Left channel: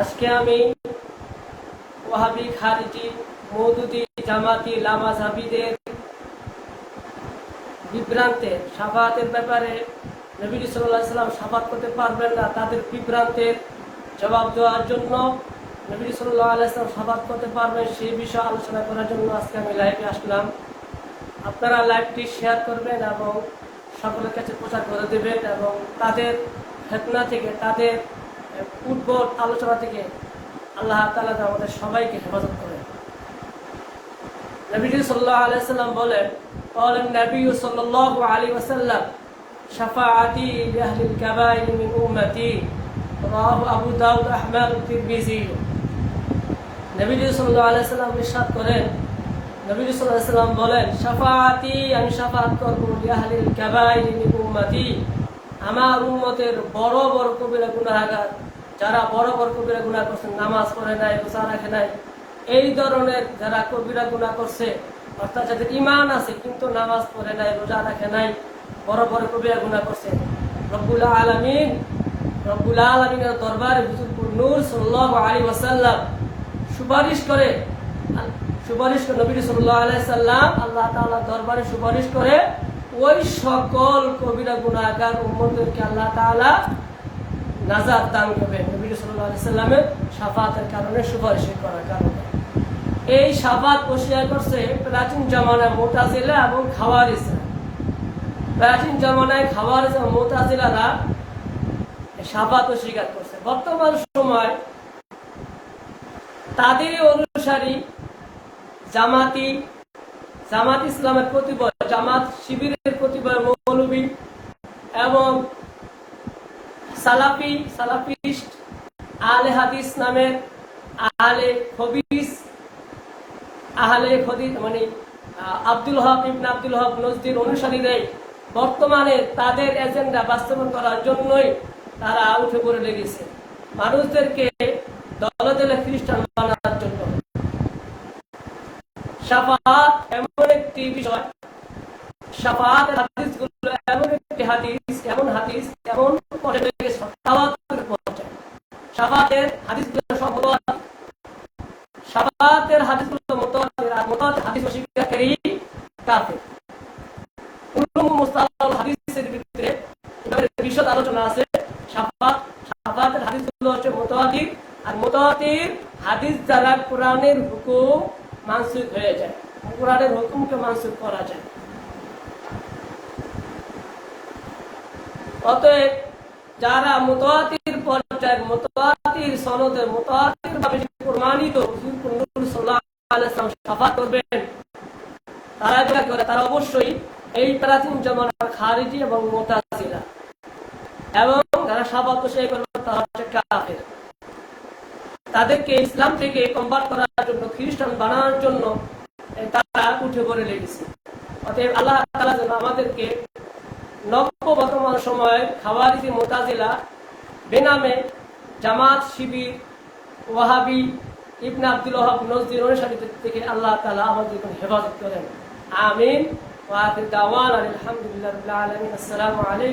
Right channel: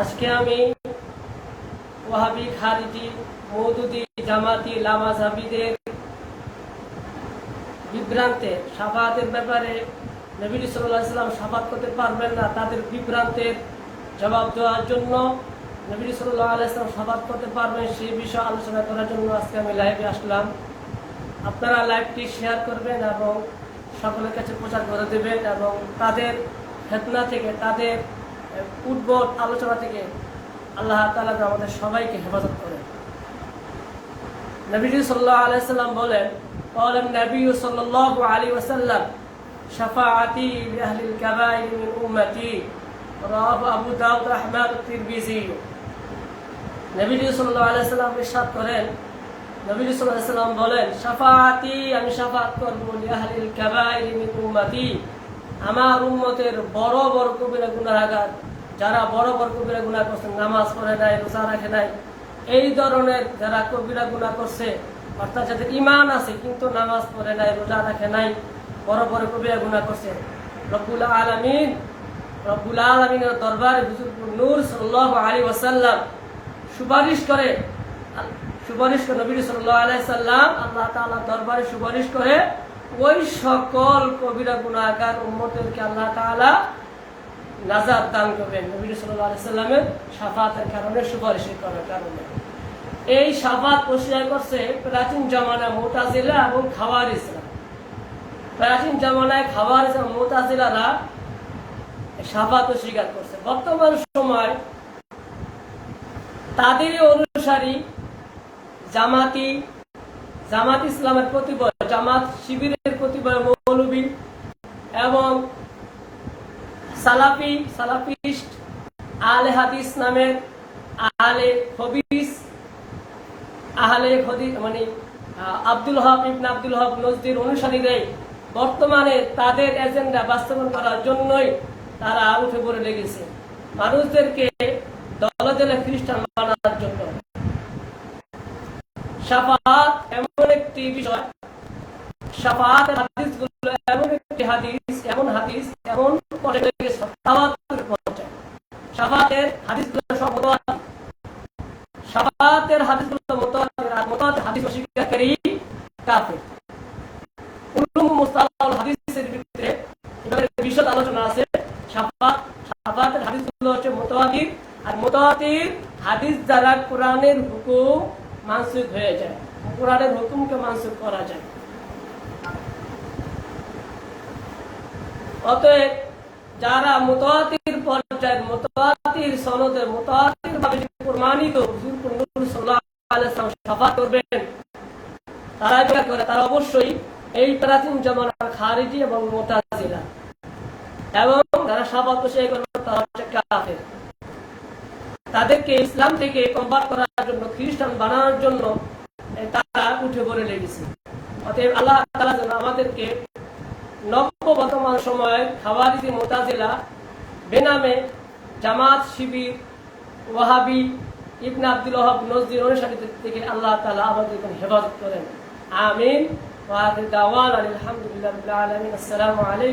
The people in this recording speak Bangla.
আজকে আমি ওয়াহাবি, খারিজি, মওদুদি, জামাতি, লামাযহাবীদের বিভ্রান্তের শাফাআতের ব্যাপারে নবী সাল্লাল্লাহু আলাইহি ওয়াসাল্লাম শাফাআত করতে পারবেন না, তাদের বিভ্রান্তের জবাব দেওয়ার জন্য নবী সাল্লাল্লাহু আলাইহি ওয়াসাল্লাম শাফাআত করতে পারবেন সেই বিষয়ে আলোচনা করার জন্য আজকে আমি লাইভে আসলাম। আপনারা লাইভটি শেয়ার করবেন এবং সকলের কাছে প্রচার করে দেবেন এবং তাদের ফিতনা থেকে, তাদের উদ্ভট আলোচনা থেকে আল্লাহ তাআলা আমাদের সবাইকে হেফাজত করেন। নবীজি সাল্লাল্লাহু আলাইহি ওয়াসাল্লাম বলেন, قال النبي صلى الله عليه وسلم شفاعتي لأهل الكبائر من أمتي رواه أبو داود أحمد الترمذي। নবীজি সাল্লাল্লাহু আলাইহি ওয়াসাল্লাম ইরশাদ করেন, নবীজি সাল্লাল্লাহু আলাইহি ওয়াসাল্লাম বলেন, শাফাআতি, আমি শাফাআত করব লিআহলিল কাবাইর মিন উম্মতি, আমার উম্মতের বড় বড় কবিরা গুনাহগার, যারা বড় বড় কবিরা গুনাহ করছে, নামাজ পড়ে নাই, রোজা রাখে নাই, এই ধরনের যারা কবিরা গুনাহ করছে, অর্থাৎ যাদের ঈমান আছে কিন্তু নামাজ পড়ে নাই, রোজা রাখে নাই, বড় বড় কবিরা গুনাহ করছে, রব্বুল আলামিনের দরবারে হুজুর নূর সাল্লাল্লাহু আলাইহি ওয়াসাল্লাম সুপারিশ করে নবী সাল্লাল্লাহু আলাইহি ওয়াসাল্লাম আল্লাহ তাআলার দরবারে সুপারিশ করে ওই সকল কবিরা গুনাহগার উম্মতদেরকে আল্লাহ তাআলা নাজাত দান করবেন নবী সাল্লাল্লাহু আলাইহি ওয়াসাল্লামের শাফাআতের কারণে, সুপারিশ করার কারণে। এই শাফাআত প্রশিয়া করছে প্রাচীন জামানায় মুতাজিলা এবং খাওয়ারিজরা। প্রাচীন জামানায় খাওয়ারিজ এবং মুতাজিলারা শাফাআত স্বীকার করছে। বর্তমান সময় তাদেরই অনুসারী জামাত ইসলামের প্রতিবয়, জামাত শিবিরের প্রতিবয় মৌলবী এবং সালাফিস্ট আহলে হাদিস নামের আহলে হদিস মানে আব্দুল হক ইবনে আব্দুল হক নজদির অনুসারীরাই বর্তমানে তাদের এজেন্ডা বাস্তবায়ন করার জন্যই তারা উঠে পড়ে লেগেছে, মানুষদেরকে দলে দলে খ্রিস্টান বানানোর জন্য। শাফাআত এমন একটি বিষয়, শাফাআতের হাদিসগুলো এমন একটি হাদিস, এমন পর্যায়ে তাওয়াতুর পর্যায়ে। শাফাআতের হাদিসগুলো সব মুতাওয়াতির, শাফাআতের হাদিসগুলো মুতাওয়াতির, আর মুতাওয়াতির হাদিস অস্বীকারী কাফের। উলুম মুস্তালাহুল হাদিসের ভিতরে বিশদ আলোচনা আছে। শাফাআতের হাদিসগুলো হচ্ছে মুতাওয়াতির, আর মুতাওয়াতির হাদিস দ্বারা কোরআনের হুকুম মানসুখ হয়ে যায়, কোরআনের হুকুমকে মানসুখ করা যায়। অতএব যারা মুতাওয়াতির পর্যায়ে, মুতাওয়াতির সনদে, মুতাওয়াতির ভাবে প্রমাণিত হুজুর নূর সাল্লাল্লাহু আলাইহি ওয়াসাল্লাম শাফাআত করবেন, তারা অবশ্যই এই প্রাচীন জামানার খারিজি এবং মুতাজিলা, এবং যারা শাফাআত প্রশিয়া করবে তারা হচ্ছে কাফের। তাদেরকে ইসলাম থেকে কনভার্ট করার জন্য, খ্রিস্টান বানানোর জন্য তারা উঠে পড়ে লেগেছে। অতএব আল্লাহ তাআলা যেন আমাদেরকে নব্য বর্তমান সময়ে খাওয়ারিজি, মুতাজিলা বেনামে জামাত, শিবির, ওয়াহাবি, ইবনে আব্দুল ওয়াহাব নজদির অনুসারীদের থেকে আল্লাহ তাআলা আমাদের হেফাজত করেন। আমিন। ওয়া আখিরু দাওয়ানা আলহামদুলিল্লাহি রাব্বিল আলামিন। আসসালামু আলাইকুম।